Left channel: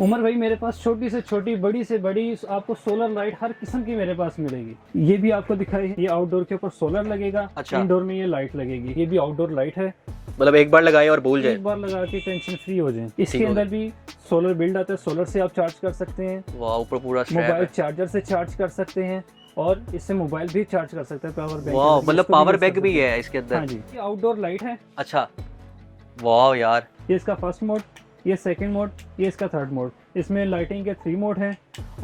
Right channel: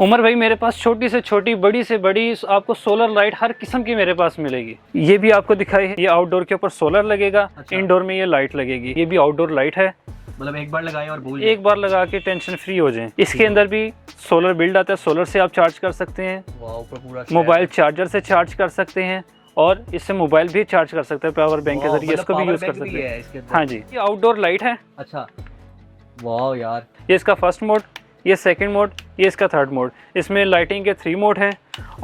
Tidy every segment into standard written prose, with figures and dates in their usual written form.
उमर भाई मेरे पास छोटी से छोटी बड़ी से बड़ी आपको सोलर लाइट हर किस्म की मेरे पास मिलेगी। ये भी आपको दिखाई है, ये आउटडोर के ऊपर सोलर लगेगा। अच्छा। इंडोर में ये लाइट लगेगी। ये भी आउटडोर लाइट है, मतलब एक बार लगाए और भूल जाए। एक बार लगा के टेंशन फ्री हो जाए। इसके है। अंदर भी सोलर बिल्ड आता है, सोलर से आप चार्ज कर सकते हैं। वाह, ऊपर पूरा मोबाइल चार्जर से चार्ज कर सकते हैं और इससे मोबाइल भी चार्ज कर सकते हैं पावर बैंक के जरिए। मतलब पावर बैंक भी है इसके अंदर। हाँ जी, ये आउटडोर लाइट है। अच्छा, वाह यार। ये इसका फर्स्ट मोड, ये सेकंड मोड, ये इसका थर्ड मोड। इसमें लाइटिंग के 3 मोड हैं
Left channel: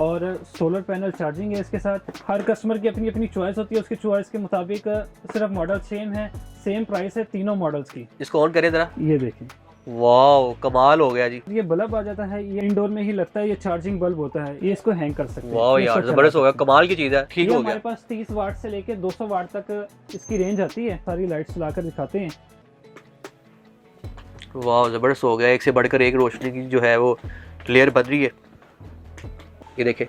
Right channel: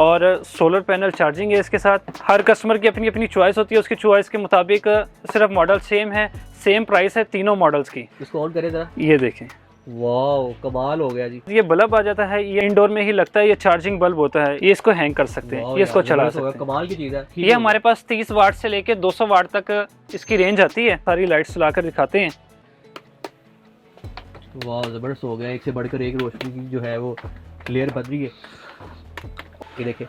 और सोलर पैनल चार्जिंग है इसके साथ। हर कस्टमर की अपनी अपनी चॉइस होती है, उसकी चॉइस के मुताबिक सिर्फ मॉडल सेम है, सेम प्राइस है तीनों मॉडल्स की। इसको ऑन करें जरा। ये देखें, वाह कमाल हो गया जी। ये बल्ब आ जाता है, ये इंडोर में ही लगता है, ये चार्जिंग बल्ब होता है। ये इसको हैंग कर सकते हैं, ये इसको चला सकते हैं। कमाल की चीज़ है। ये हमारे पास 30 वाट से लेके 200 वाट तक इसकी रेंज आती है। सारी लाइट्स चलाकर दिखाते हैं। वाह ज़बरदस्त हो गया, एक से बढ़कर एक रोशनी की जो है वो क्लियर बन रही है। ये देखें,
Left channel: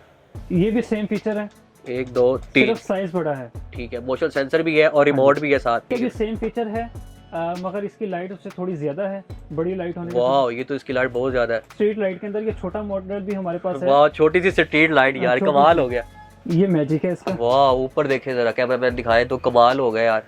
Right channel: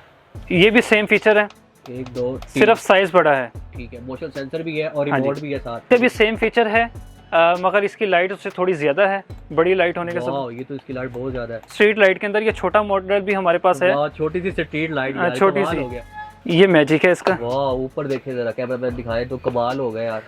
ये भी सेम फीचर है, 1 2 3, सिर्फ साइज बड़ा है। ठीक है। मोशन सेंसर भी है और रिमोट भी है साथ। ये भी सेम फीचर है, मगर इसकी लाइट उससे थोड़ी ज्यादा है, बड़ी लाइट होने के साथ। वाह, ये तो इसकी लाइट बहुत ज्यादा है। स्ट्रीट लाइट के अंदर ये छोटा मॉडल भी हमारे पास है। वाह, छोटी सी स्ट्रीट लाइट यार, कमाल हो गया। ये मैजिक है इसका। वाह, ऊपर देखे जरा, कैमरा मैन दिखाए तो कमाल हो गया यार।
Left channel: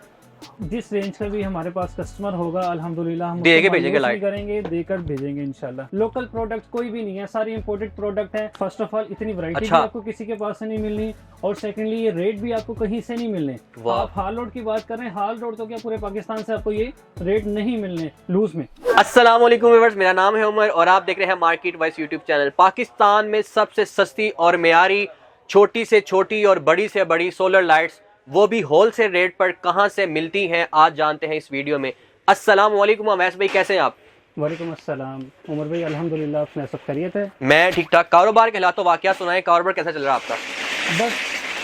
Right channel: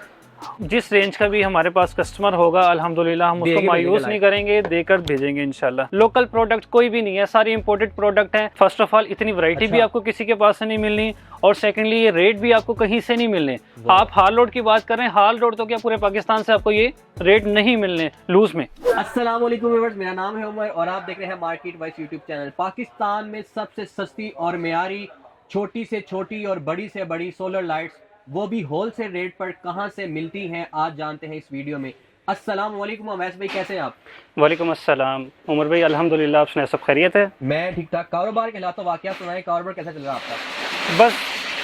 जिस रेंज का भी हमारे पास कस्टमर होगा अल्हम्दुलिल्लाह हम उसको मायूस नहीं करेंगे, देकर भेजेंगे इंशाल्लाह। लोकल प्रोडक्ट कोई भी नहीं है, सारी इंपोर्टेड प्रोडक्ट है। फर्स्ट ऑफ ऑल इतनी वैरायटी भी आपको किसी के पास से नहीं मिलनी, और सेकंडली ये रेट भी आपको कहीं से नहीं मिलने। आप हाल रोड की बात करें, हाल रोड तो क्या पूरे पाकिस्तान से आपको ये रेट नहीं मिलने लूज में। अस्सलाम वालेकुम व्यूअर्स, मेरा नाम है उमर और आप देख रहे हैं market wise YouTube channel. Pakistan में सबसे सस्ती और मेयारी छोटी से छोटी और बड़ी से बड़ी सोलर लाइट्स, वो भी होलसेल रेट पर कहां से मिलती हैं, आज जानते हैं इस वीडियो में। अस्सलाम वालेकुम अवैस भाई, कैसे हैं आप? वालेकुम अस्सलाम उमर भाई, अल्हम्दुलिल्लाह। आप सुनाए, सब खैरियत है? मैं ठीक ठाक। कारोबार के हालात वाकया सुनाए, कारोबार कैसा चल रहा है आपका? बस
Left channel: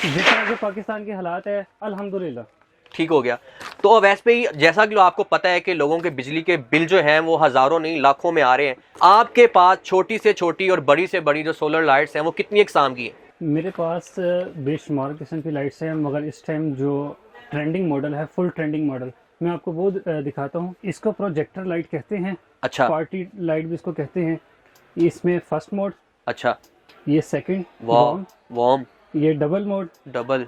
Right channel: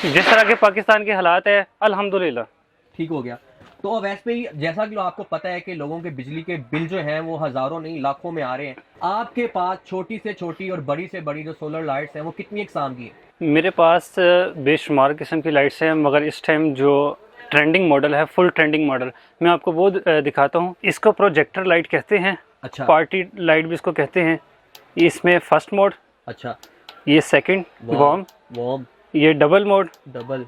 जिस तरह के पाकिस्तान के हालात है अल्हम्दुलिल्लाह ठीक हो गया। तो अवैस भाई, जैसा कि आपको पता है कि लोगों के बिजली के बिल जो हैं वो हज़ारों नहीं लाखों में आ रहे हैं। आपके पास छोटी से छोटी और बड़ी से बड़ी जो सोलर लाइट्स हैं वो कितनी इकसाम की हैं? मेरे पास बेशुमार किस्म की लाइट्स हैं, मगर इस टाइम जो ट्रेंडिंग मॉडल है, फुल ट्रेंडिंग मॉडल, मैं आपको वो दिखाता हूँ। इसको प्रोजेक्टर लाइट कहते हैं। अच्छा। पार्टी लाइट भी इसको कहते हैं। इसमें फर्स्ट मोड। अच्छा। ये सेकंड वार्म। ये डबल मोड। डबल।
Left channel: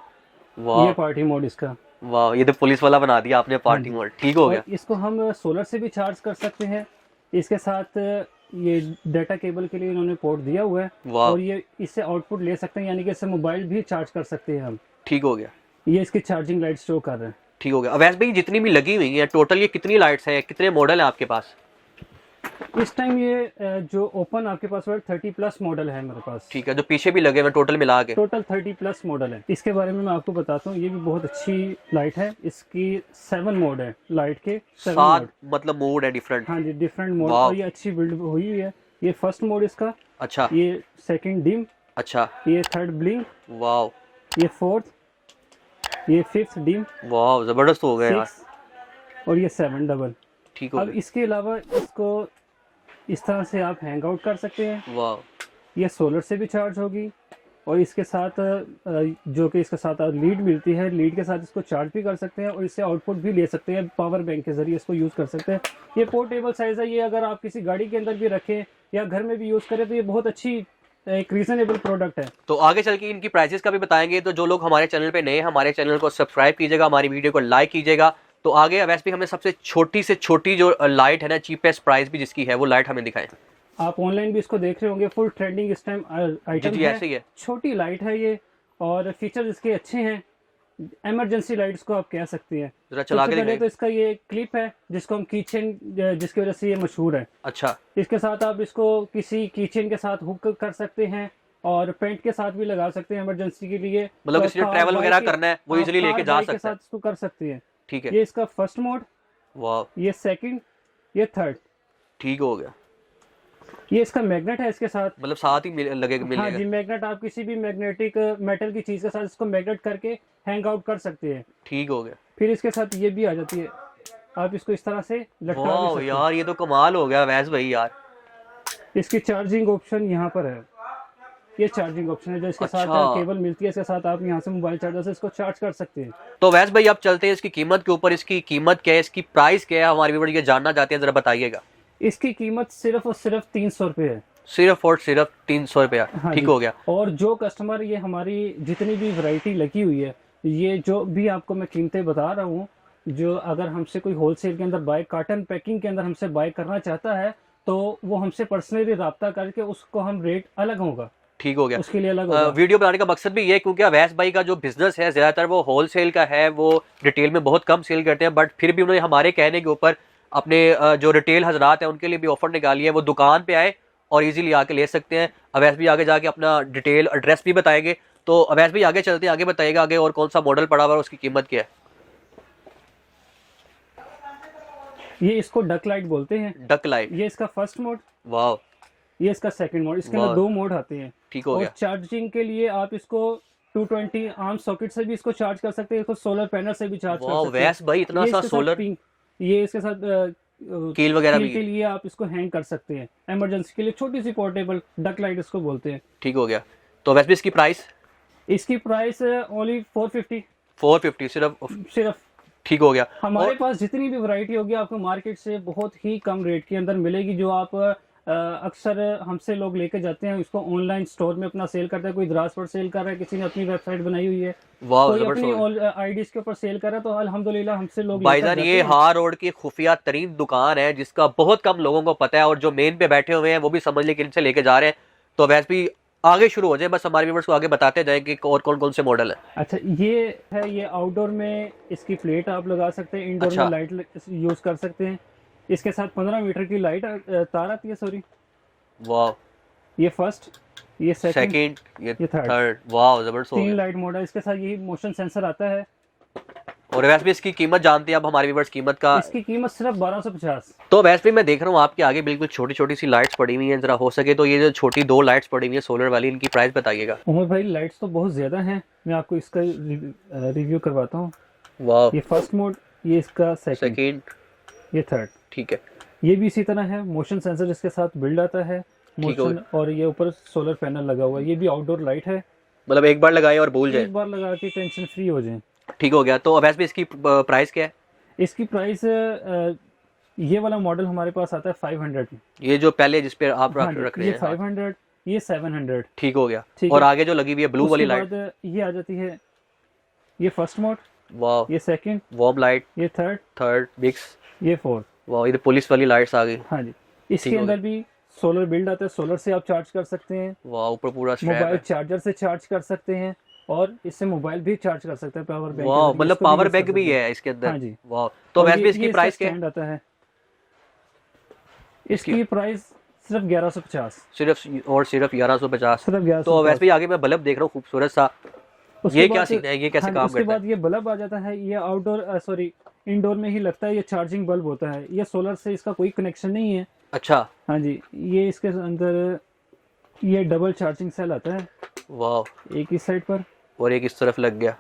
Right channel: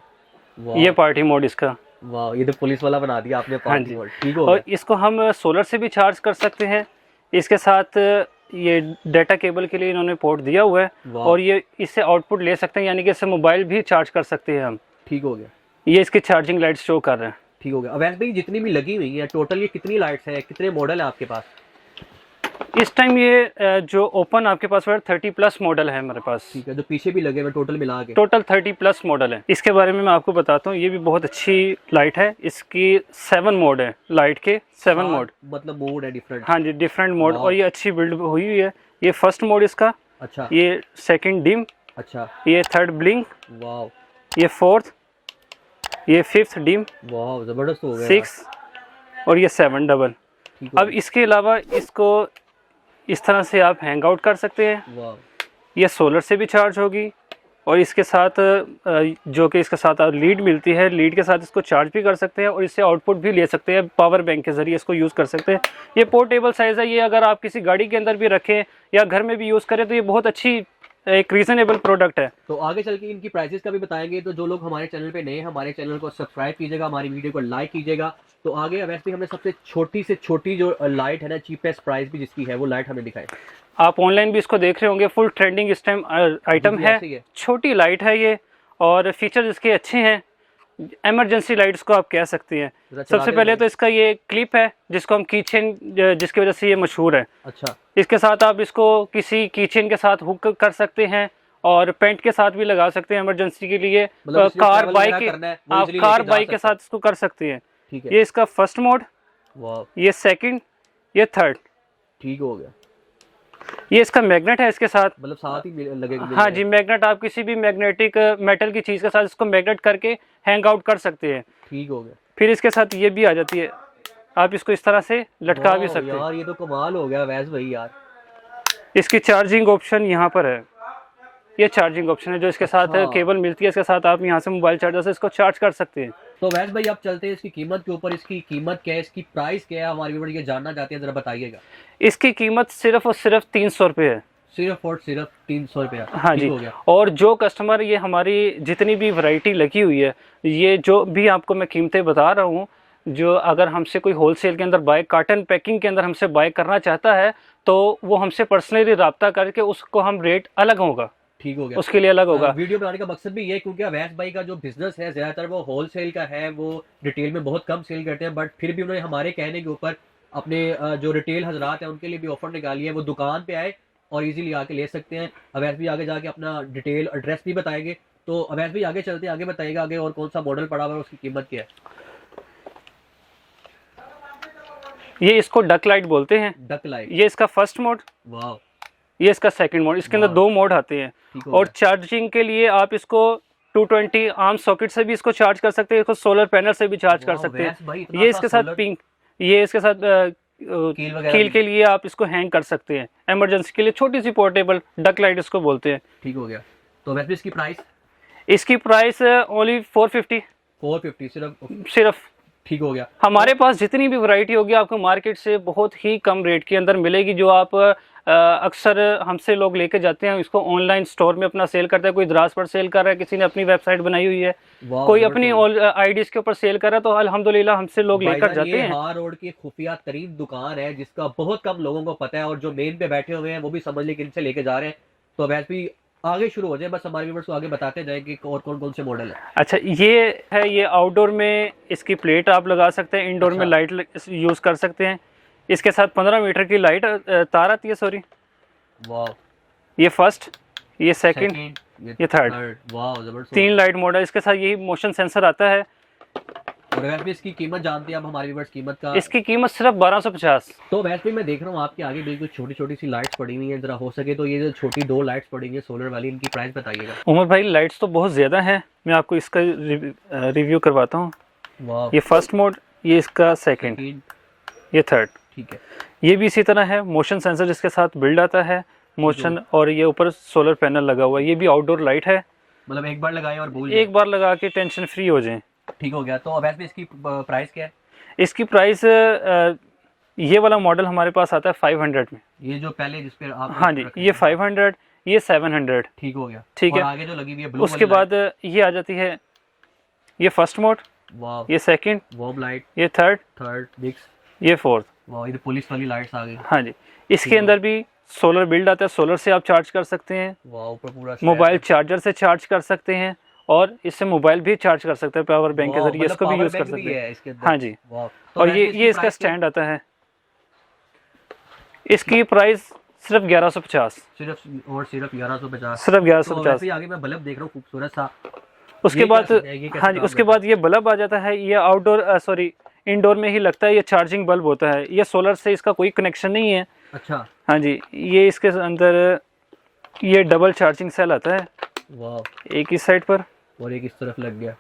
ये पार्टी मोड इसका। वाह, ये तो पुलिस वाला बना दिया आपने, पार्टी मोड। ठीक हो गया। और इसको हम सोलर से भी चार्ज कर सकते हैं। इसके साथ ये डाटा केबल के लिए इन्होंने पोर्ट दिया हुआ है और ये इससे आउटपुट ले सकते हैं, यानी कि इससे मोबाइल भी चार्ज कर सकते हैं हम। ठीक हो गया। ये इसकी चार्जिंग लाइट शो कर रहे हैं। ठीक हो गया। अवैस भाई, जितनी भी लगी हुई है टोटल ये कितनी लाइट्स हैं, कितने मॉडल हैं आपके पास? इस टाइम ये जो ओपन आपके पास 30+ मॉडल है मेरे पास। ठीक है। जो पीछे भी लगे हुए टोटल मिला के टोटल 30+ मॉडल है। इसके बारे में मैं आपको बताता हूँ, ये भी बहुत अच्छी लाइट है। इसकी 7 मोड है लाइट के, 7 मोड, मतलब मोड है डिफरेंट। हाँ जी, डिफरेंट मोड। और ये अच्छी बिल्ड हुई हुई है। ये फर्स्ट मोड इसका। अच्छा। ये सेकंड डिम। अच्छा। ये थर्ड ब्लिंक। वाह। ये फोर्थ, ये फिफ्थ डिम। वाह, जबरदस्त हो गया। 6 और ये 7 डबल। ठीक। अब इसके अलावा इसको इस तरह से आप हैंग आउट कर सकते हैं। वाह। ये सोलर से भी चार्ज होगी और इसके साथ जो कि इसके साथ लीड मिलती है, लीड के साथ इसको चार्ज भी कर सकते हैं और इससे आउटपुट भी ले सकते हैं। पावर बैंक के ज़रिए इसको यूज़ कर सकते हैं। ये पोर्टेबल साइज़ है। ये अगर आप किसी गाड़ी के अंदर भी रखें या घर में भी यूज़ करें तो ये बहुत अच्छी एक रीजनेबल प्रोडक्ट है। तो आगे चल के इनकी प्राइसेस का भी बताएंगे। तो जो लोग हमारे चैनल पे नए हैं, हमारे चैनल को सब्सक्राइब कीजिएगा, हमारी वीडियो को लाइक कीजिएगा। तो आगे अवैस भी हमें सबसे छोटी से छोटी जो लाइट है ना, चीपेस्ट प्राइस भी जिसकी है, वो लाइट हमें दिखाएं। आप ऑनलाइन भी इसको देख रहे होंगे, फुल ट्रेंडिंग इस टाइम आइटम है। छोटी लाइट है ये और फीचर्स इसके अच्छे हैं। इमरजेंसी लाइट्स को आप कह सकती हैं। सबसे पहले तो इसका ये क्लिप है जिसको हम कीचेन, जिसकी वजह से ये मशहूर है। अच्छा। इसके साथ आप इसको किसी कीचेन के साथ हुक कर सकते हैं और पेंट के साथ भी लगा सकते हैं इमरजेंसी के लिए। मतलब कार बाइक के साथ इसको कर सकते हैं। ठीक है। ये इसका फर्स्ट मोड। वाह। ये सेकंड, ये थर्ड। ठीक हो गया। ये इसका मैग्नेट है इसके साथ, मतलब साथ ही लगेगा। हाँ जी, मैग्नेट। आप किसी भी मैग्नेटिक मेटल की चीज के साथ इसको मैग्नेट करके हैंग आउट कर सकते हैं। ठीक हो गया। फिर इसके साथ ये भी आ जाती है, आप इसको इस तरह से लटका भी सकते हैं। यार ये तो कमाल हो गया वैस भाई यार। इसकी चार्जिंग ऑप्शन यहाँ पर है। ये चार्जिंग ऑप्शन है जो इसके साथ केबल मिलती है, इसके साथ आप यहाँ से मोबाइल चार्जर से इसको चार्ज कर सकते हैं। तो वैस भाई, आप चलते हैं इसकी कीमत के ऊपर। इसकी कीमत क्या है, इसकी प्राइस क्या है, हमारे व्यूअर ये जानना चाहते हैं, जरा बताइएगा। इसकी कीमत सिर्फ और सिर्फ 300 रुपये है। सिर्फ और सिर्फ 300 रुपया। हाँ ठीक जी। हो गया। और जो कस्टमर, ये हमारी जितनी भी वैरायटी लगी हुई है, ये जो भी आपको मैं कीमतें बता रहा हूँ, जो अगर हमसे कोई होलसेल के अंदर बाय, कार्टन पैकिंग के अंदर हमसे बाय करना चाहता है तो वो हमसे पर्सनली रब्ता करके उसको हम रेट अलग होगा। ठीक हो गया। उसके लिए अलग होगा। वीडियो बनाने का मकसद भी ये है क्योंकि अवैस भाई का जो बिजनेस है ज़्यादातर वो होलसेल का है, वो रिटेल में बहुत कम सेल करते हैं, बट फिर भी उन्होंने हमारे कहने के ऊपर अपने जो रिटेल हजरात हैं उनके लिए भी ऑफर निकाली है, वो दुकान पे आए और इजीली आके ले सकते हैं। अवैस भी आगे जाके अपना डिटेल एड्रेस भी बताएंगे। तो अवैस भी आगे चलते हैं, आगे बताइएगा आगे और कौन सा मॉडल पड़ा हुआ है, उसकी कीमत क्या है? ये इसको डक लाइट बोलते हैं। Duck light. ये इसका फर्स्ट मोड, वाह। ये इसका सेकंड मोड। इसके अंदर वाह। 2 मोड आते हैं। ठीक हो और गया। चार्जिंग के लिए आप इसको 220 आर्म सॉकेट से भी इसको चार्ज कर सकते हैं, इसको सोलर पैनल से भी चार्ज कर वाह, सकते हैं। वैस भाई इतना ये सा इसके साथ solar- पिंक, ये इसके साथ कील वगैरह कील भी के है। लिए आप इसको हैंग कर सकते हैं, इमरजेंसी के लिए छोटी सी पोर्टेबल डक लाइट इसको बोलते हैं। ठीक हो गया। तो वैसे भी इसकी प्राइस इसकी प्राइस ओनली 450 450 सिर्फ। ठीक हो गया। हमारे पास जितनी भी वैरायटी होगी आपको मार्केट से बहुत ही कम रेट के अंदर मिलेगी, जो आप अक्सर हमसे लोग लेके जाते हैं, इसको ऑनलाइन स्टोर में अपना सेल करता है, कोई द्रास पर सेल कर रहा है, किसी ने अपनी वेबसाइट बनाई हुई है, कोई अपनी आईडीज के ऊपर सेल कर रहा है, तो अल्हम्दुलिल्लाह हमसे लोग लेकर भाईजान जाते ये हैं। हार रोड की खुफिया तरीन दुकान है जिसका बहुत कम लोगों को पता है, और जो मेन पे बैठे हुए हैं वो भी समझ ले कि इनसे लेके जा रहे हैं। तो वैसे भी आगे शुरू हो जाए, बस हमारे व्यूअर्स को आगे बताते जाएं कि और कौन कौन से मॉडल है। अच्छा, ये है, ये आउटडोर में इसकी प्लेट आप लगा सकते हैं, इंडोर अच्छा। में लाइट यूज कर सकते हैं। इसके साथ 15 मीटर की लाइट तार आती है, सॉरी। वाह। ये फर्स्ट, ये सेकंड, सेकंड, ये थर्ड। वाह जबरदस्त। 3 लाइट मोड है। इसके साथ यही मोशन सेंसर आता है। और वैसे भी इसकी कीमत जानते हैं अब हमारे व्यूअर्स कीमत का? इसकी कीमत सिर्फ 1250। तो वैसे भी मैं देख रहा हूँ आपके आगे बिल्कुल छोटी छोटी सी लाइट्स पड़ी हुई हैं, जरा हो सके तो ये जो छोटी 2 लाइट्स पड़ी हुई है सोलर वाली, इनकी प्राइस बताइएगा। उमर भाई लाइट्स तो बहुत ज़्यादा हैं, मैं आपको इसका रिव्यू करवाता हूँ। वाह। ये फर्स्ट मोड, ये इसका सेकंड, ये थर्ड। ठीक है। ये भी इसी तरह है, मोशन सेंसर इसके साथ बिल्ड आता है, मोशन, और ये ऊपर सोलर पैनल लगा हुआ है। ये भी आउटडोर लाइट है, मतलब एक बार लगाए और भूल जाए। एक बार लगा के टेंशन फ्री हो जाए। ठीक हो गया। तो वैसे भी इसकी प्राइस क्या है? इसकी प्राइस, ये वाला मॉडल हमारे पास आता है 500 में। ये जो पहले जिस पे आप हाँ जी, रख रहे ये हैं। 500, ये 700। ठीक हो गया। ठीक और है। आगे जो लगी हुई है ब्लू वाली उसके बाद ये आ जाती है, ये फर्स्ट मोड, वाह, ये सेकंड, वॉर्म लाइट, ये थर्ड, थर्ड मिक्स, ये फोर्थ। वाह, ये पुलिस वाली लाइट्स आ गई। हाँ जी। ठीक इसके है। अंदर भी सोलर बिल्ड आता है, सोलर से आप चार्ज कर सकते हैं, वाह, ऊपर पूरा मोबाइल चार्जर से चार्ज कर सकते हैं, और इससे मोबाइल भी चार्ज कर सकते हैं पावर बैंक के जरिए। मतलब इसको पावर use कर बैंक भी सकते हैं। है इसके अंदर। हाँ जी। वाह। तो और वैसे ये इसकी इसका प्राइस क्या है? स्टैंड आता है। इसकी प्राइस सिर्फ 1150, सिर्फ और सिर्फ 1150। सिर्फ तो 1150। वैसे ही आगे मैं बल्ब देख रहा हूँ खूबसूरत सा। उसके ये क्या बाद, सीन है? ये कैसे हाँ जी, काम उसके करता बाद ये बल्ब आ जाता है। ये आउटडोर, सॉरी, इंडोर में ही लगता है। ये चार्जिंग बल्ब होता है, ये सोलर से इसका कोई कनेक्शन नहीं है। अच्छा। हाँ जी। ये इसके अंदर ये डबल चार्जिंग सेल आता है, वाह। एक ही साइड पर, और एक इस तरफ लग गया।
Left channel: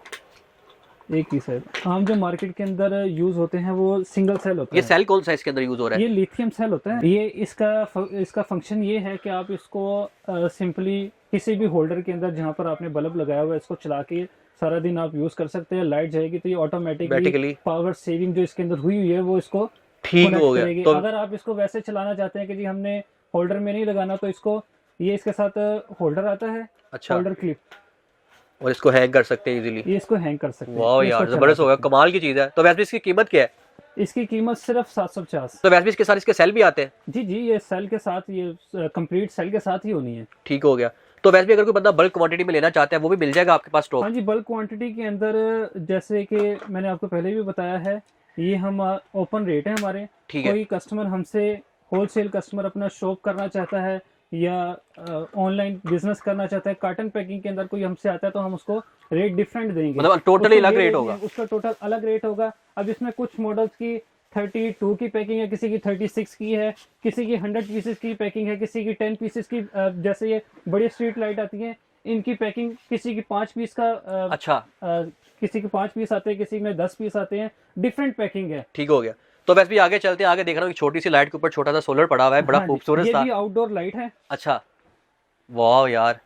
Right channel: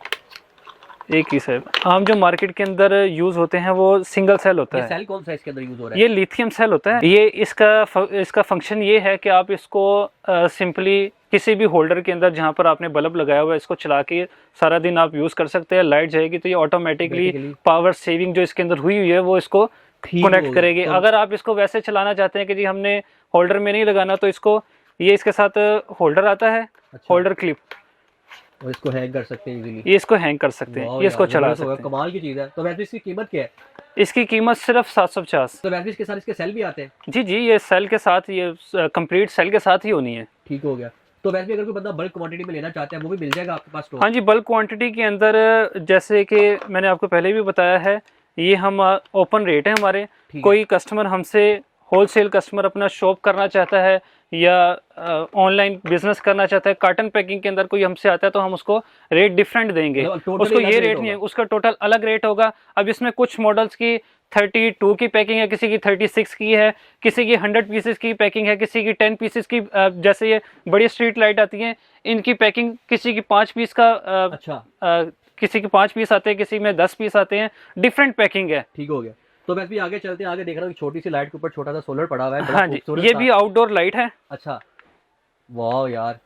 एक ही साइड। आम जो मार्केट के अंदर यूज होते हैं वो सिंगल सेल होता ये है। सेल कौन सा इसके अंदर यूज हो रहा है? ये लिथियम सेल होता है। ये इसका फंक्शन ये है कि आप इसको सिंपली किसी भी होल्डर के अंदर जहाँ पर आपने बल्ब लगाया हुआ है, इसको चला के सारा दिन आप यूज कर सकते हैं। लाइट जाएगी तो ये ऑटोमेटिकली पावर सेविंग जो इसके अंदर हुई हुई है वो इसको कनेक्ट करेगी। अगर आप इसको वैसे चलाना चाहते हैं कि जी हमने होल्डर में नहीं लगाना, तो इसको, ये इसके साथ होल्डर आता है, होल्डर क्लिप, और इसको हैंग कर सकते हैं इजीली। ये इसको हैंग कर सकते हैं, वाह ये इसको यार, चला जबरदस्त हो गया, सकते हैं। कमाल की चीज है। तो वैसे भी इसकी कीमत क्या है? इसकी कीमत सिर्फ 750। तो वैसे भी इसके साथ इसके सेल भी आते हैं? जी जी, ये सेल के साथ, ये कंप्लीट सेल के साथ ही होनी है। ठीक हो गया। तो वैसे भी अगर कोई बंदा बल्क क्वांटिटी में लेना चाहता है वो भी मिल जाएगा आपके पास स्टॉक? हाँ जी, बल्क क्वांटिटी के अंदर, जैसे कि मैंने आपको पहले भी बताया है, ये हम ओपन रेट है हमारे। कोई कस्टमर हमसे, होलसेल कस्टमर अपना शॉप करना चाहता है या ऑनलाइन बिजनेस करना चाहता है, कार्टन पैकिंग के अंदर कोई हमसे आता है, तो हम उसको रेट डिफरेंट देंगे। मतलब टोटली अलग रेट नहीं है, उसका टोटल अलग रेट होगा। अब इसमें कुछ मॉडल्स की 32 की पैकिंग है, किसी की 36 की है, किसी की 100 पीसेस की पैकिंग है, किसी की 10 पीसेस की। जैसे ये बड़ी स्ट्रीट लाइट आती हैं, इनकी पैकिंग किसी की 5 पीस का, अच्छा, किसी के 5 पीस आते हैं, किसी में 10 पीस आते हैं, डिफरेंट पैकिंग है। ठीक हो गया। तो वैसे भी आगे चलते हैं, आगे देख रहा हूँ छोटी सी लाइट के ऊपर छोटा सा सोलर पड़ा हुआ है, बड़ा खूबसूरत। ये भी आउटडोर लाइट है। अच्छा, वाह यार,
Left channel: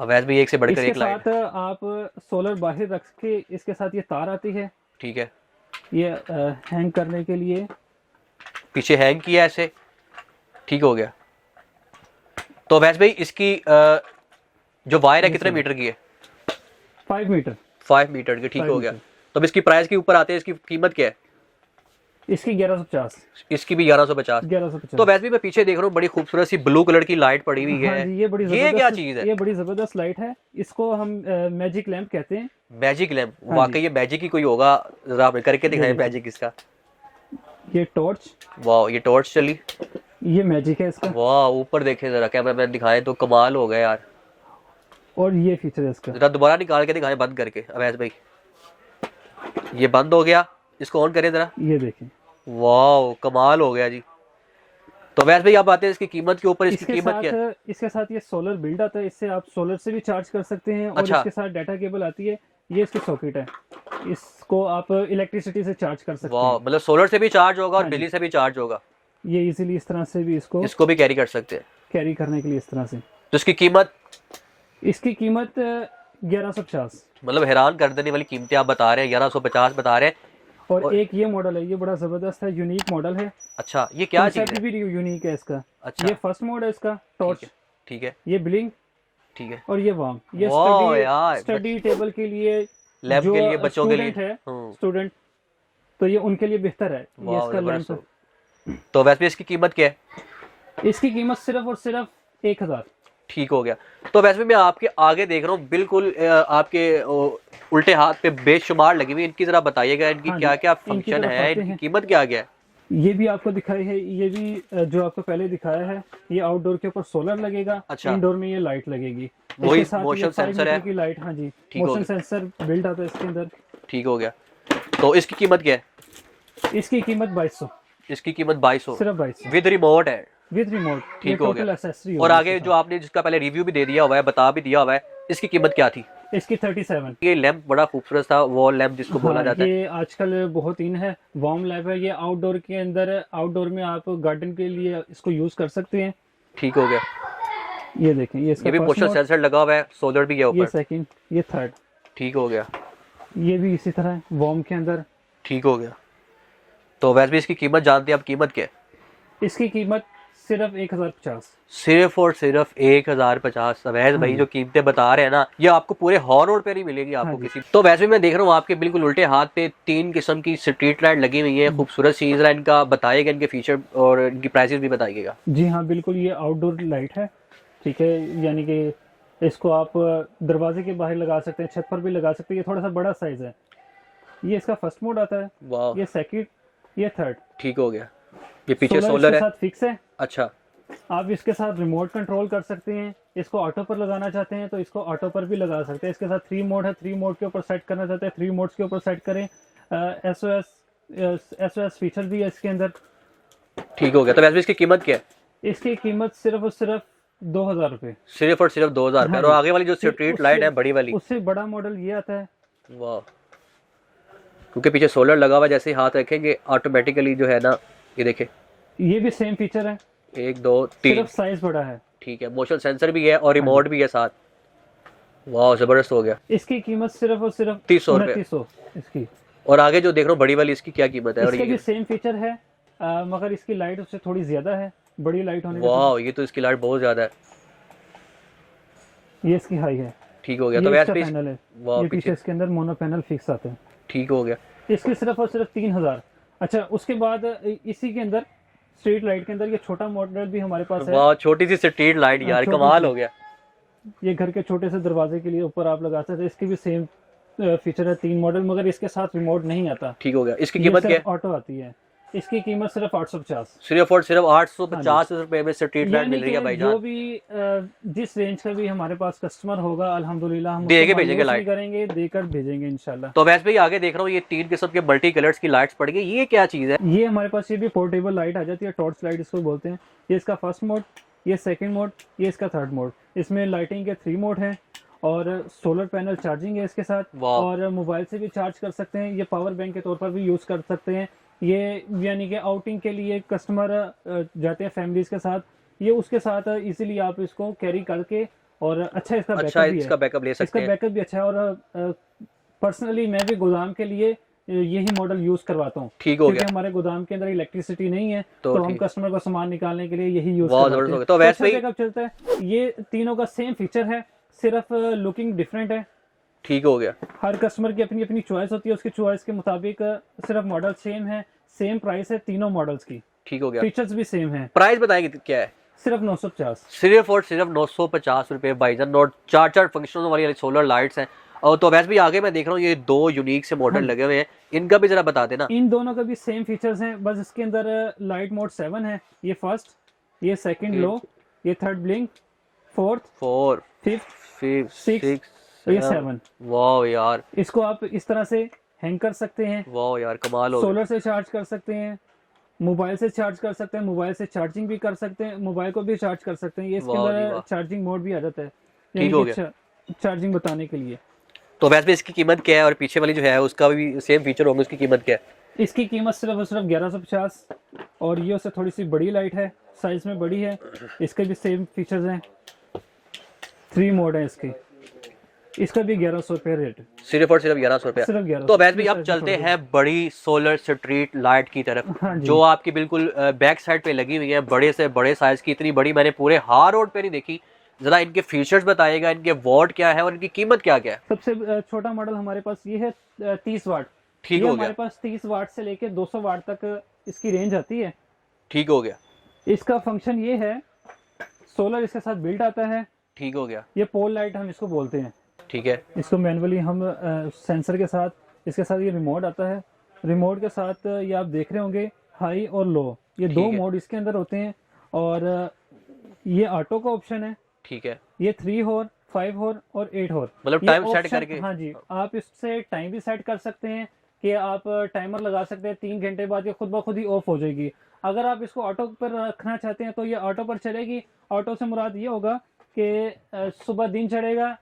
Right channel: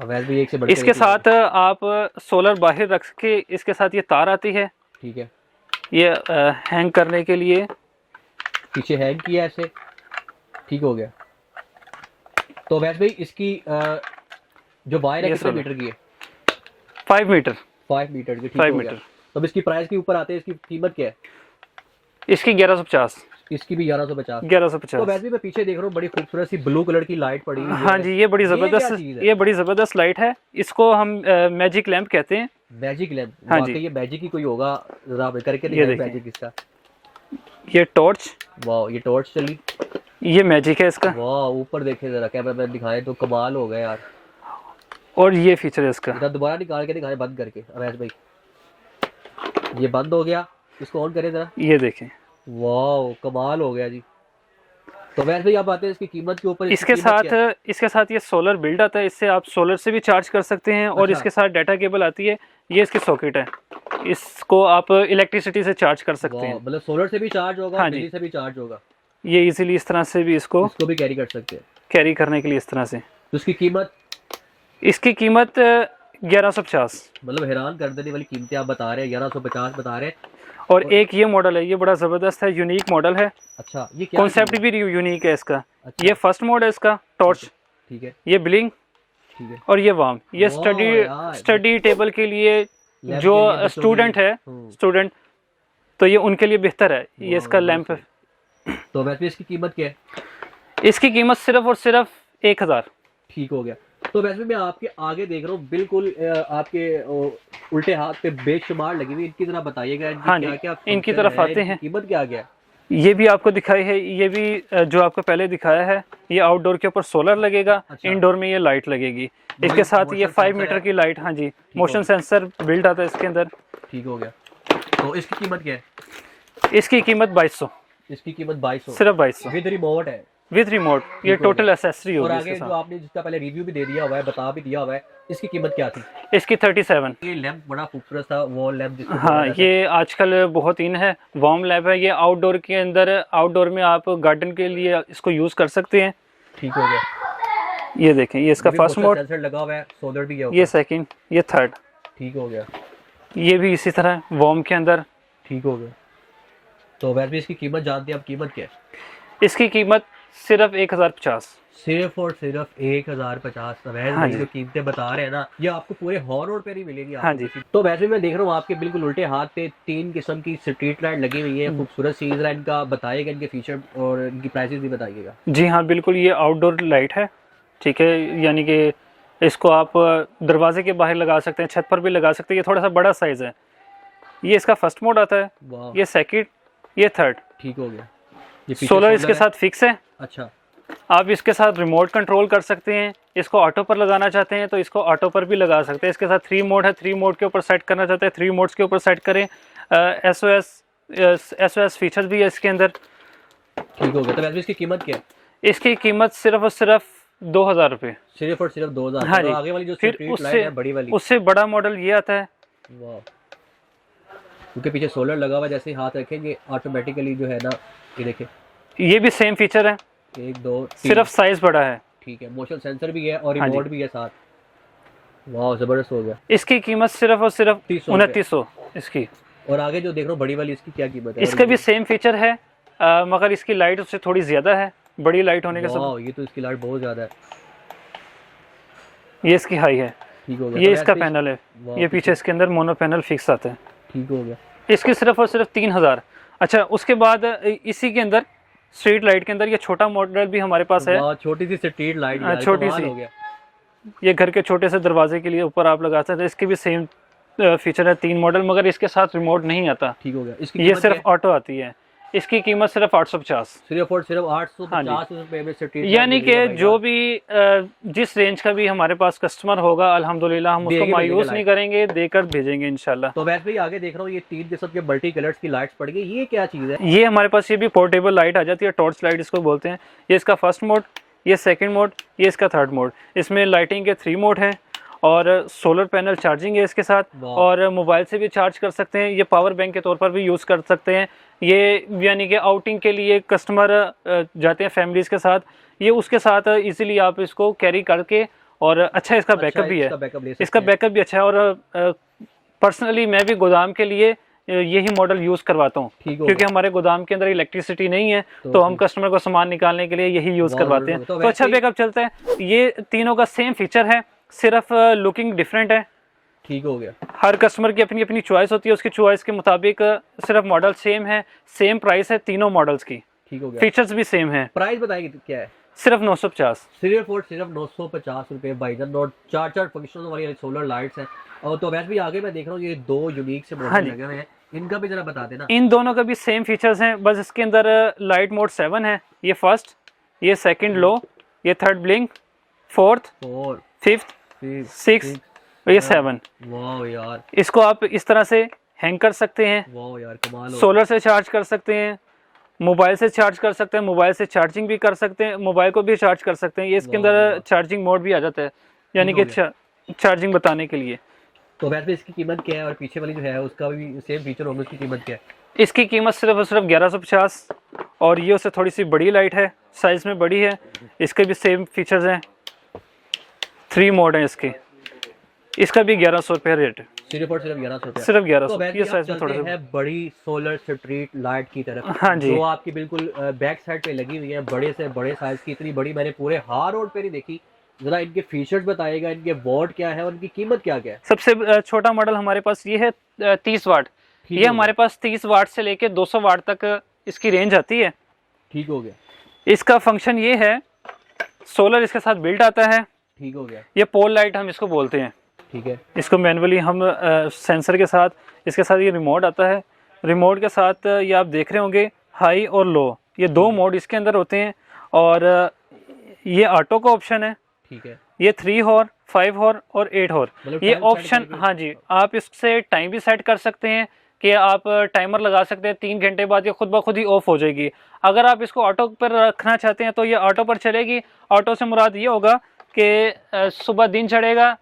वैसे भी एक से बढ़कर इसके एक लाइट। साथ आप सोलर बाहर रख के, इसके साथ ये तार आती है, ठीक है, ये हैंग करने के लिए। पीछे हैंग किया ऐसे। ठीक हो गया। तो वैसे भाई इसकी जो वायर है ये कितने सोलर। मीटर की है? 5 मीटर। 5 मीटर की, ठीक 5 हो गया। मीटर। तो अब इसकी प्राइस के ऊपर आते हैं, इसकी कीमत क्या है? इसकी 1150। इसकी भी 1150। तो 1150। वैसे भी मैं पीछे देख रहा हूँ बड़ी खूबसूरत सी ब्लू कलर की लाइट पड़ी हुई है। हाँ जी, ये बड़ी क्या जबरदस्त, चीज है? ये बड़ी जबरदस्त लाइट है। इसको हम मैजिक लैंप कहते हैं। Magic lamp? हाँ वाकई जी। ये मैजिक ही कोई होगा, जरा आप करके दिखाएं देखिए। मैजिक इसका। ये टॉर्च, वाह, ये टॉर्च चली। ये मैजिक है इसका। वाह, ऊपर देखे जरा, कैमरा मैन दिखाएं तो कमाल हो गया यार। और ये फीचर है इसका। जरा दोबारा निकाल के दिखाएं बंद करके अवैस भाई। ये बंद हो गया, इसको ऑन करें जरा। ये देखें। वाह, कमाल हो गया जी। तो वैसे भाई आप आते हैं इसकी कीमत के ऊपर। इसके साथ ये सोलर बिल्ड आता है, इससे आप सोलर से भी चार्ज कर सकते हैं। और अच्छा। इसके साथ डाटा केबल आती है। ये इसकी सॉकेट है, इसको आप इलेक्ट्रिसिटी से चार्ज कर सकते वाह, हैं। मतलब सोलर से भी चार्ज होगा, हाँ जी। बिजली से भी चार्ज होगा। ये इजीली इस तरह से भी इसको इसको भी कैरी कर सकते हैं। कैरी करने के लिए इस तरह से। तो इसकी कीमत? इसकी कीमत 1150। मतलब हैरान कर देने वाली कीमतें आप बता रहे हैं, 1150 बता रहे हैं। और एक ये मॉडल है, ये बड़ा ज़बरदस्त है, यूनिक मॉडल है। अच्छा, ये क्या कॉन्सेप्ट चीज़ है? भी यूनिक है इसका। अच्छा। ये फर्स्ट मोड है इसका, टॉर्च। ठीक है, ये ब्लिंक, ठीक है। और ये वार्म। ये वाह यार। स्टडी टेबल के लिए, लैंप जो के लिए, बच्चों के स्टूडेंट लिए। है, स्टूडेंट, तो ये उनके लिए बेहतर है। ये वाह, इसका लैंप है। तो वैसे भी इसकी कीमत क्या है? इसकी कीमत सिर्फ और सिर्फ 1000। ठीक हो गया। तो वैसे भी मैं आपके आगे देख रहा हूँ, बिल्कुल आपके उल्टे हाथ पे बेशुमार लगी हुई। इनकी जरा बताइएगा, इनकी हाँ जी, क्या क्या इनकी फंक्शन तरफ है, आते इनकी हैं। कीमत क्या क्या है? ये भी आपको दिखाई है, ये भी जो आपको पहले दिखाया है। ये आउटडोर के ऊपर सोलर लगेगा। अच्छा। इंडोर में ये लाइट लगेगी। वही इसके साथ ये motion 5 sensor मीटर है। की लाइट। हाँ जी, हो मोशन गया। सेंसर बिल्ड आता है इसके अंदर। ठीक हो गया। तो इसकी कीमत क्या है? इसकी कीमत 2200। इसकी कीमत 2200 सिर्फ 2200 विद रिमोट है। With remote. ये ठीक हो टोटल गया। एसेसरी और होगी आगे इसके जो आपने जिसका पहले रिव्यू भी दे दिया हुआ है, बता भी दिया हुआ है, इसकी कीमत क्या थी? साथ। इसकी 37। ये लैंप बड़ा खूबसूरत था, वॉल लैंप जिसको बोला हाँ, जाता है। ये आजकल बहुत इन है। वार्म लैब है ये, आउटडोर के अंदर, आउटडोर में आप गार्डन के लिए इसको यूज कर सकते हैं। ठीक हो गया। ये देखें, ये इसका ये भी फर्स्ट मोशन मोड, सेंसर लगा हुआ है, सोलर भी है ये ऊपर। सेकंड, ये थर्ड। ठीक हो गया। ये भी इसी तरह वार्म के अंदर। ठीक हो गया। तो वैसे भी इसकी कीमत जानते हैं आप? कीमत क्या है? इसकी कीमत सिर्फ 1050। सिर्फ और सिर्फ 1050। अवैध हाँ भाई जी। जो कीमतें बता रहे हैं ना, ये आपको पूरे हॉर रोड पे नहीं मिलेगी आपको हाँ जी। किसी। तो वैसे भी मैं देख रहा हूँ आपके बिल्कुल उल्टे हाथ पे 3 किस्म की स्ट्रीट लाइट लगी हुई है, खूबसूरत सी। जरा इनका बताइएगा, इनके फीचर और इनकी प्राइसेस भी बताइएगा। जी हाँ, बिल्कुल। ये आउटडोर लाइट है, ठीक है। यानी कि इसको आप दरवाजे के बाहर लगा सकते हैं, छत पर भी लगा सकते हैं। ये थोड़ा सा बड़ा साइज है। ये इसका फर्स्ट मोड आता है, वाह, ये सेकंड, ये थर्ड। ठीक हो गया। ये पीछे सोलर इसके है। साथ फिक्स है। अच्छा, आप इसके साथ रिमोट कंट्रोल कर सकते हैं। इसको ऑटो पर लगाना चाहते हैं तो इसको ऑटो पर भी लगा सकते हैं। इसके साथ 3 मोड है, 3 मोड के ऊपर सेट करना चाहते हैं, 3 मोड्स के ऊपर सेट करें। SOS फीचर भी है इसके अंदर। ठीक हो गया। तो वैसे भी इसकी कीमत क्या है? इसकी कीमत सिर्फ और सिर्फ 2000 रुपये। सिर्फ और सिर्फ 2000। हाँ और जी। आगे वाली जो फिर स्ट्रीट लाइट है बड़ी वाली, उससे बड़ा मॉडल ये आता है। वाह, क्योंकि पीछे सोलर लगा हुआ, जैसे ही हाथ रखेंगे ऑटोमेटिकली जो है ना, ये देखें, ये भी सेम फीचर है, 1 2 3। सिर्फ साइज बड़ा है। ठीक है, मोशन सेंसर भी है और हाँ रिमोट भी है साथ। वाह, जबरदस्त हो गया। इसकी कीमत सिर्फ और सिर्फ 2900 इसकी। और आगे जो देख रहा हूँ बड़ी वाली, इसकी क्या कीमत है? इसका भी सेम फीचर है, मगर इसकी लाइट उससे थोड़ी ज्यादा है, बड़ी लाइट होने के साथ। वाह, ये तो इसकी लाइट बहुत ज्यादा है। ये इसकी हाई है। ठीक हो गया। ये तो इसका वैसे भी- पैनल है। वाह, ये पीछे इसके अंदर मोनो पैनल फिक्स आता है। ठीक हो गया। इसकी सिर्फ और सिर्फ 3000। अच्छा, उसके बाद इसी के अंदर स्ट्रीट लाइट के अंदर ये छोटा मॉडल भी हमारे पास है। वाह, छोटी सी स्ट्रीट लाइट यार, छोटी कमाल सी। हो गया। ये घर के छोटे से दरवाजे के लिए ऊपर आप लगा सकते हैं। इसकी भी सेम फीचर है, 3 मॉडल, मगर इसके साथ रिमोट नहीं आता। ठीक हो गया। इसकी ये कीमत क्या सिर्फ है? ऑटो आती है। इसकी कीमत सिर्फ 850। सिर्फ और सिर्फ 850 रुपए में स्ट्रीट लाइट यानी मिल रही है कि भाई जो यार। भी जिस रेंज का भी हमारे पास कस्टमर होगा, अल्हम्दुलिल्लाह हम देके उसको भेजेंगे मायूस लाइट। नहीं करेंगे, देकर भेजेंगे इंशाल्लाह। तो वैसे भी आगे देख रहा हूँ ये 3 किस्म के मल्टी कलर्स की लाइट्स पड़ गई। ये क्या चीज है? ये हमारे पास ये भी पोर्टेबल लाइट आ जाती है, टॉर्च लाइट इसको बोलते हैं। ये इसका फर्स्ट मोड, ये सेकंड मोड, ये इसका थर्ड मोड। इसमें लाइटिंग के 3 मोड हैं और सोलर पैनल चार्जिंग है इसके साथ, वाह। और मोबाइल से भी चार्ज कर सकते हैं। ये पावर बैंक के तौर पर भी यूज़ कर सकते हैं। ये यानी कि आउटिंग के लिए कस्टमर जाते हैं फैमिलीज़ के साथ, ये उसके साथ इजीली आप इसको कैरी करके, और अच्छा इसका बैकअप भी है। इसका बैकअप ले सकते इसका हैं। बैकअप भी अच्छा है। और पर्सनली मैं भी गोदाम के लिए यही मॉडल यूज करवाता हूँ, ठीक हो क्योंकि गया। हमारे गोदाम के अंदर इलेक्ट्रिसिटी नहीं है, तो हम ठीक। कस्टमर को सामान निकालने के लिए यही यूज बहुत करवाते जरूरत हैं। होगी। तो तो अच्छा वैसे ही- बैकअप चलता है। ये तीनों का सेम फीचर है, सिर्फ लुकिंग डिफरेंट है। ठीक हो गया। हर कस्टमर की अपनी अपनी चॉइस होती है, उसकी चॉइस के मुताबिक सिर्फ मॉडल सेम है, सेम प्राइस है तीनों मॉडल्स की, ठीक हो गया। फीचर्स भी सेम है। प्राइस बताएंगे क्या है? सिर्फ 950। सिर्फ और सिर्फ 950 रुपये भाईजान। और 4 फंक्शनों वाली सोलर लाइट्स हैं। और तो वैसे भी आगे मैं देख रहा हूँ ये 2 यूनिक से हाँ मॉडल जी। लगे हुए हैं, इनका भी जरा बता देना। इन दोनों का भी सेम फीचर्स हैं, बस इसके अंदर लाइट मोड 7 है, ये फर्स्ट, ये सेकंड लो, ये third blink, fourth, 4 fifth, 5 six, 6 और ये 7। वाह यार, इसको आप इस तरह से हैंग कर सकते हैं, वाह यार, कमाल हो गया। सोलर से चार्ज कर सकते हैं, मोबाइल से चार्ज कर सकते हैं, मोबाइल से चार्जिंग भी कर सकते हैं, मोबाइल को भी चार्ज कर सकते हैं। ये इसके वाह जी अंदर वाह। चार्जिंग मोड भी आ जाता है, यानी ठीक हो कि चार्जिंग बताने के लिए। तो वैसे भी इसकी कीमत क्या है? और पीछे वाली जो है उसका भी सेम फीचर होंगे, उसकी कीमत क्या है? इसकी कीमत सिर्फ और सिर्फ 1150, और ये उससे थोड़ी सी बड़ी लाइट है, साइज में बड़ी है। इसके भी सेम फीचर्स हैं, 3 मोड हैं इसके, इसका भी 1100 रुपये रेट है, सिर्फ और सिर्फ 1100 रुपये। सिर्फ 1100। तो वैसे भी ये आप size में चलते थोड़ा हैं बड़ी सोलर स्ट्रीट लाइट की तरफ, हाँ जी। जो आपकी बिल्कुल बैक साइड पे लगी हुई है, बड़े से बड़े साइज की। इतनी बड़ी मैंने पूरे हार रोड पे नहीं देखी। जरा इनके फीचर्स बताइएगा, इनके वॉट क्या है और इनकी कीमत क्या क्या है? सबसे छोटा मॉडल हमारे पास ये है 30 वाट। ठीक ये हो हमारे पास 30 वाट से लेके 200 वाट तक इसकी रेंज आती है। ठीक हो गया। इसका फंक्शन ये है, सोलर इसके साथ बिल्ट आता है। ठीक हो गया। ये पोल लाइट हम इसको बोलते हैं। ठीक है। इसको मैनुअली हम सेंसर के साथ, इसके साथ ये रिमोट आता है, रिमोट के साथ ये आप देख रहे होंगे हाई और लो, ये 2 मोड इसके अंदर होते हैं। और ये ऑटो का ऑप्शन है। ठीक है। ये 3 हॉर, 5 हॉर और 8 हॉर, मतलब ये टाइम सेट ऑप्शन। करके। हाँ जी, आप इससे टाइम भी सेट कर सकते हैं कि आप टाइमर लगा सकते हैं, 3 घंटे बाद ये खुद ब खुद ही ऑफ हो जाएगी। अगर आप इसको ऑटो पर रखना चाहते हैं तो ये ऑटो पर चलेगी। ऑटो से मुराद ये होगा कि सुबह दिन चढ़ेगा,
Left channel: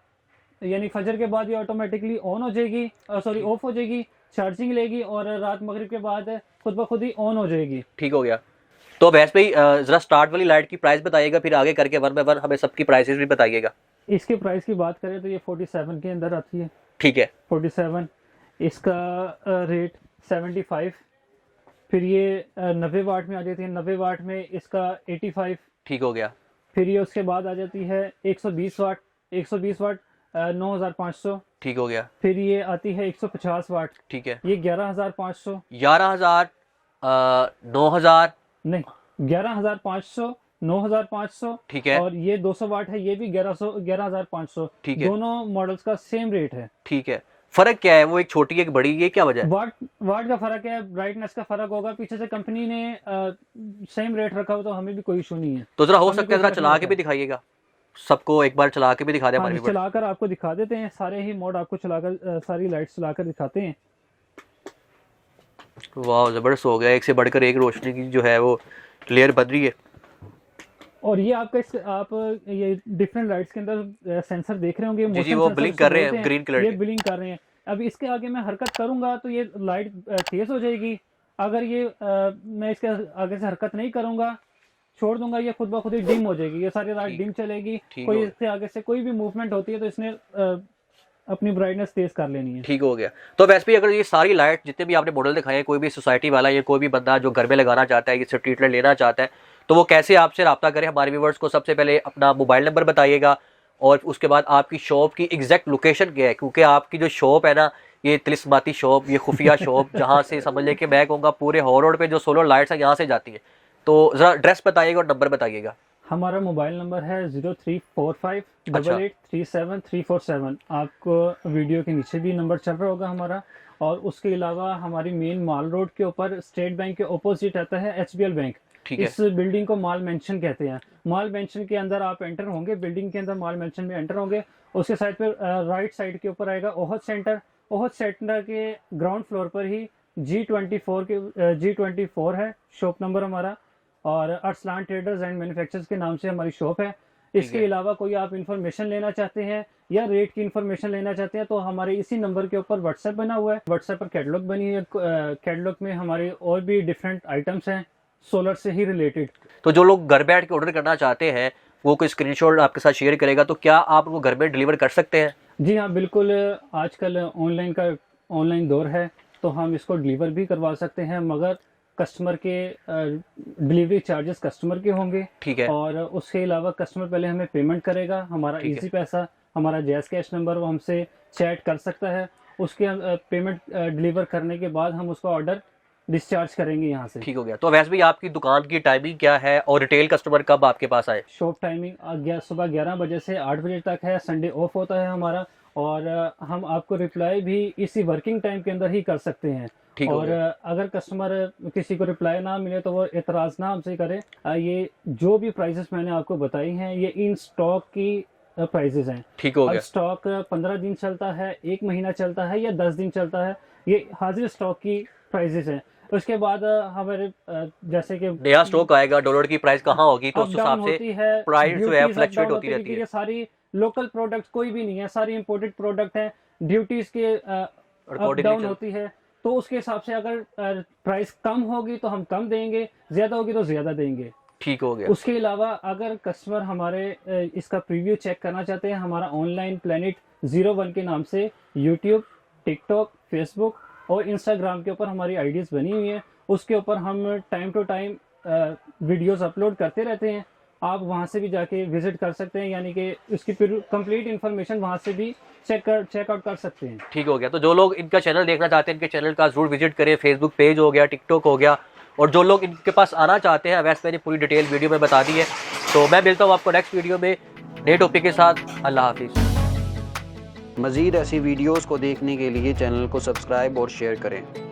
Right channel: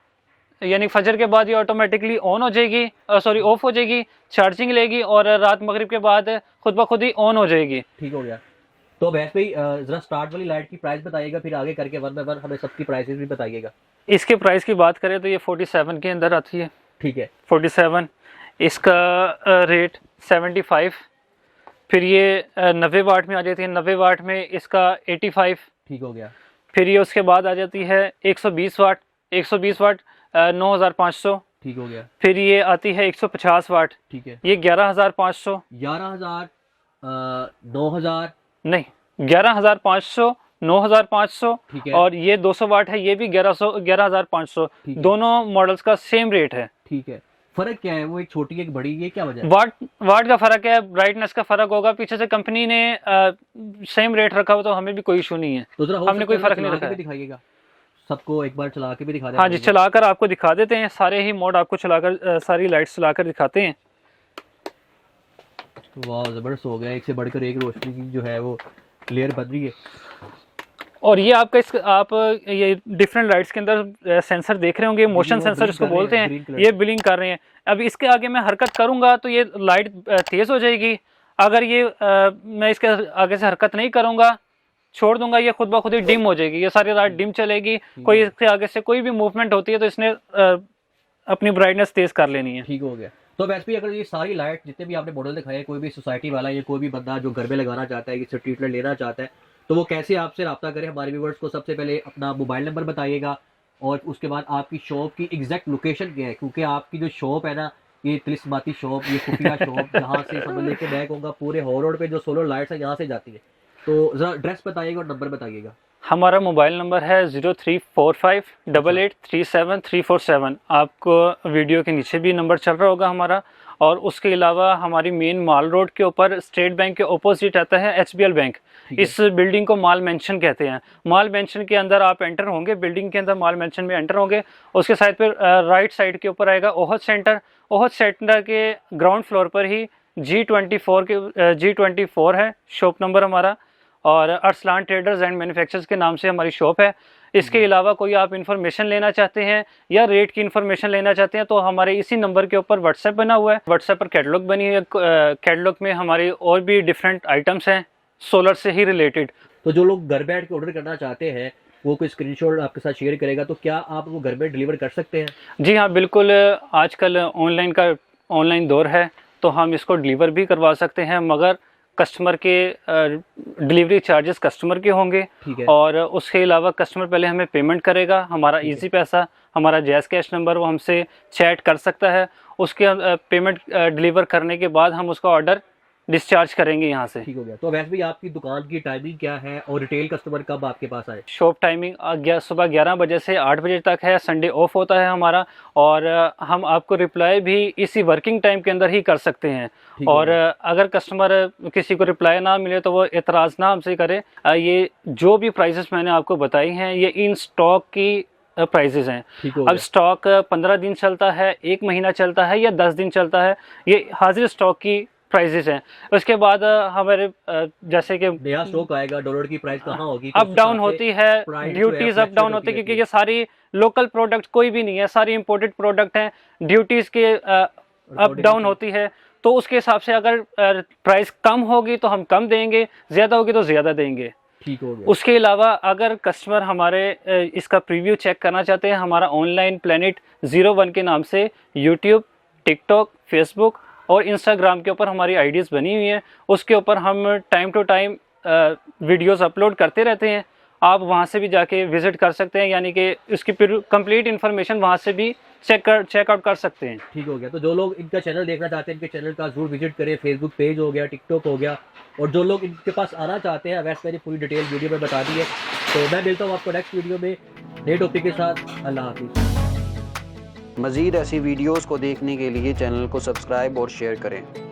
यानी फजर के बाद ये ऑटोमेटिकली ऑन हो जाएगी, सॉरी ऑफ हो जाएगी, चार्जिंग लेगी और रात मगरिब के बाद खुद ब खुद ही ऑन हो जाएगी। ठीक हो गया। तो भैंस भाई जरा स्टार्ट वाली लाइट की प्राइस बताइएगा, फिर आगे करके 1 बाय 1 हमें सबकी प्राइसेस भी बताइएगा। इसके प्राइस की बात करें तो ये 47 के अंदर आती है। ठीक है। 47, इसका रेट 75। फिर ये 90 वाट में आ जाती है, 90 वाट में इसका 85। ठीक हो गया। फिर ये उसके बाद आ जाती है 120 वाट, 120 वाट 9500। ठीक हो गया। फिर ये आती है 150 वाट, ठीक है। ये 11500, 11,000 9,000। नहीं 11500, 9500। ठीक है। और ये 200 वाट है, ये भी 11500। ठीक है। दोनों मॉडल्स का सेम रेट है। ठीक है। फर्क क्या है? वो एक छोटी एक बड़ी, ये क्या वजह है? वाट का फर्क है, ब्राइटनेस का फर्क होगा। पीछे से कंपनी ने सेम रेट रखा हो तो हमें भी कोई इशू नहीं है। तो जरा हो हमने सकता है कोई फर्क चला नहीं के रखा भी है। दिखाइएगा, सबको एक बार चला के भी दिखा दें। हाँ जी, चलाकर आपको दिखा देते हैं, सारे ही मोड आपको चलाकर सारी लाइट्स चलाकर दिखाते हैं। वाह, जबरदस्त हो गया, एक से बढ़कर एक रोशनी की जो है वो क्लियर बन रही है। और ये आपका आप ये डिफरेंट लाइट्स के अंदर सेंसर देख रहे होंगे, मोशन वो सेंसर blink इसको कर रहे हैं, बोलते green हैं। color ये से। ब्लिंक कर रहे हैं। अब इसके आगे मैं हरकत करूंगा तो ये लाइट तेज हो जाएगी। अगर ये मैं इसके आगे से हरकत नहीं करूंगा, छोड़ दूंगा, ये खुद ब खुद ही डिम हो जाएगी, ये सारी रात डिम चलेगी। कोई हो इसके आगे से कोई भी मूवमेंट होती है तो इसने अपनी ब्राइटनेस तेज कर लेनी है। ठीक हो गया। तो वैसे भी अगर ये सारी लाइट जितने भी आपने मॉडल दिखाए हैं, कोई भी सोसाइटी वाला या कोई भी बंदा जो घर में लगाना चाहता है, ये स्ट्रीट लाइट लेना चाहता है, तो वो कैसे आपसे रब्ता करे? हमारे व्यूवर्स को सबसे पहले अपना मोबाइल नंबर बताइएगा और उसके बाद आपकी शॉप की एग्जैक्ट लोकेशन क्या है, क्योंकि आपकी जो शॉप है ना, ये तिलिस्माती शॉप, ये खुफिया शॉप, जहाँ से समझ लें कि मैं कहूँगा पूरे हॉर रोड पे जो सोलर लाइट्स है यहाँ से जाती है। तो ज़रा एड्रेस बताइएगा और नंबर बताइएगा। हमारा मोबाइल नंबर है 03458837 आपको वीडियो के नीचे भी नंबर चल रहा होगा हमारा। और उसके अलावा हमारी मेन माल रोड के ऊपर स्टेट बैंक के ऑपोजिट आता है HBL बैंक। इस बिल्डिंग को माल मेंशन कहते हैं। माल मेंशन के अंदर आप एंटर होंगे, बिल्डिंग के अंदर माल मेंशन में एंटर होंगे, उसके साइड पर राइट साइड के ऊपर आएगा ओहद सेंटर। ओहद सेंटर के ग्राउंड फ्लोर पर ही G24 है शॉप नंबर हमारा, और अरसलान ट्रेडर्स एंड मैन्युफैक्चरर्स के नाम से हमारी शॉप है। इसके अलावा कोई आप इन्फॉर्मेशन लेना चाहते हैं या रेट की इन्फॉर्मेशन लेना चाहते हैं तो हमारे इसी नंबर के ऊपर व्हाट्सएप बना हुआ है। व्हाट्सएप पर कैटलॉग बनी है, कैटलॉग में हमारे और भी डिफरेंट आइटम्स हैं सोलर से ही रिलेटेड। तो जो लोग घर बैठ के ऑर्डर करना चाहते हैं, वो कोई स्क्रीनशॉट आपके साथ शेयर करेगा, तो क्या आप वो घर में डिलीवर कर सकते हैं? जी हाँ बिल्कुल, आजकल ऑनलाइन दौर है तो हम इसको डिलीवर भी करवा सकते हैं, मगर कस्टमर के डिलीवरी चार्जेस कस्टमर के होंगे। ठीक है। और उसके अलावा कस्टमर पहले हमें पेमेंट करेगा, हमारा इजी पैसा, हमारा जैज़ कैश नंबर, वो हमसे चैट कर सकता है। उसके पेमेंट डिलीवर करने के बाद हम उसका ऑर्डर डिस्चार्ज करेंगे यहाँ से। ठीक हो गया। तो वैसे भी आपकी दुकान की टाइमिंग क्या है और रिटेल कस्टमर कब आपके पास आए? शॉप टाइमिंग सुबह 11 बजे से 8 बजे तक है, संडे ऑफ होता है हमारा, और हम आपको रिप्लाई भी इसी वर्किंग टाइम के अंदर ही कर सकते हैं। और अगर कस्टमर किसी को रिप्लाई ना मिले तो वो एतराज़ ना हमसे करे। ये जो भी प्राइसेस मैंने आपको बताई हैं ये इन स्टॉक की प्राइसेस हैं। ठीक हो अब गया। स्टॉक 15 दिन चलता है, 1 महीना चलता है या 10 दिन चलता है, ये हाजिर स्टॉक की प्राइसेस हैं। उसके बाद हमारे जैसे कि नया स्टॉक आएगा, डॉलर की प्राइस कहाँ होगी, तो अप डाउन होती है, ड्यूटीज अप डाउन होती है, क्योंकि ये सारी लोकल प्रोडक्ट कोई भी नहीं है, सारी इंपोर्टेड प्रोडक्ट हैं, ड्यूटीज के अप डाउन होती है। तो उसके हिसाब से अगर प्राइस कम होगी तो हम कम देंगे, ज़्यादा होगी तो ज़्यादा देंगे। ठीक हो गया। उसके अलावा अगर कस्टमर हमारे इसका प्रीव्यू चेक करना चाहते हैं, हमारा ऑनलाइन प्लेनेट 01 के नाम से यूट्यूब, टिकटॉक, फेसबुक और इंस्टाग्राम के ऊपर हमारी आईडीज़ बनी हुई हैं। उसके ऊपर हम time to time videos upload करते रहते हैं। आप वहां से भी जाके विजिट कर सकते हैं, यानी कि इसकी कंप्लीट इन्फॉर्मेशन वहां से भी चेकआउट कर सकते हैं। ठीक हो गया। तो जो लोग इनका चैनल देखना चाहते हैं, इनके चैनल का जरूर विजिट करें। फेसबुक पेज हो गया, टिकटॉक हो गया, और जो लोग इनके पास आना चाहते हैं, वैसे मैंने पूरी डिटेल वीडियो में बता दी है। तो मैं मिलता हूँ आपको नेक्स्ट वीडियो में नए टॉपिक के साथ। अल्लाह हाफिज़। मज़ीद ऐसी वीडियोज़ को देखने के लिए चैनल को सब्सक्राइब और शेयर करें।